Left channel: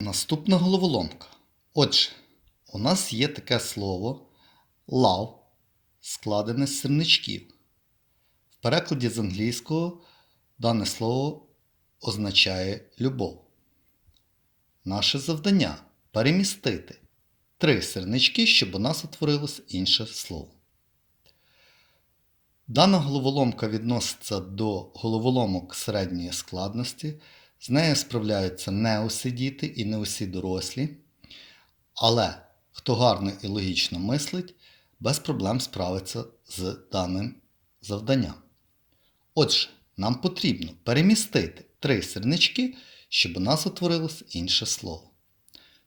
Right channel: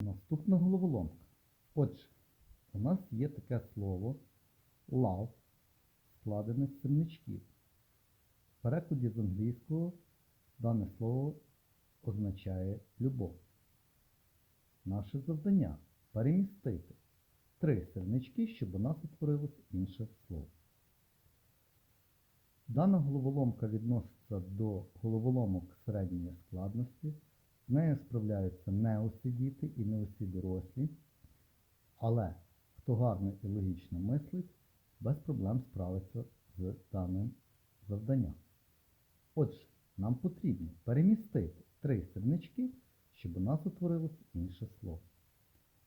Наступна головоломка. Отже, у нас є таке слово love, складене з сирничків. В перекладі з англійського дане слово означає любов. Наше завдання перемістити три сирнички, щоб у нас утворилось інше слово. Дана головоломка відноситься до головоломок середньої складності. З нею справляються не усі діти і не усі дорослі. Але хто гарно і логічно мислить, без проблем справиться з даним завданням. Отже, нам потрібно перемістити три сірнички, щоб у нас утворилось інше слово.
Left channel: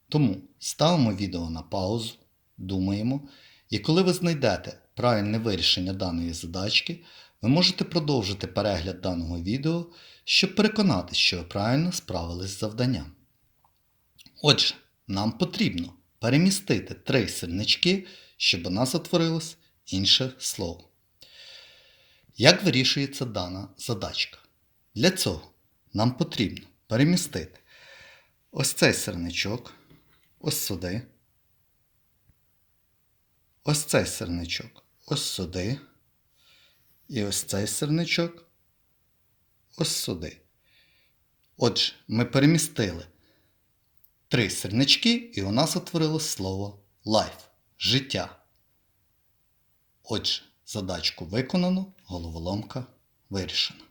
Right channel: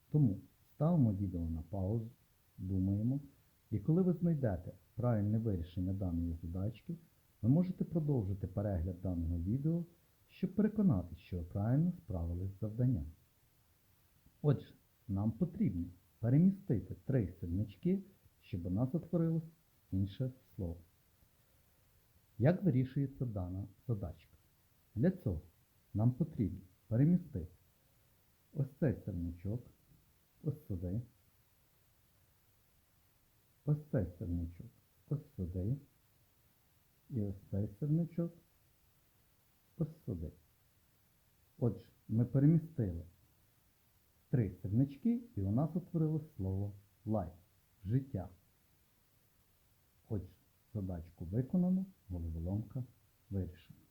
Тому ставимо відео на паузу, думаємо, і коли ви знайдете правильне вирішення даної задачки, ви можете продовжити перегляд даного відео, щоб переконатися, що ви правильно справились з завданням. Отже, нам потрібно перемістити три сірнички, щоб у нас утворилось інше слово. Як вирішується дана задачка? Для цього нам потрібно перемістити ось цей сирничок, ось сюди, ось цей сирничок, ось сюди, і ось цей сирничок, ось сюди. Отже, ми перемістили три сирнички, і у нас утворилось слово life життя. Отже, задачку виконано, головоломка вирішена.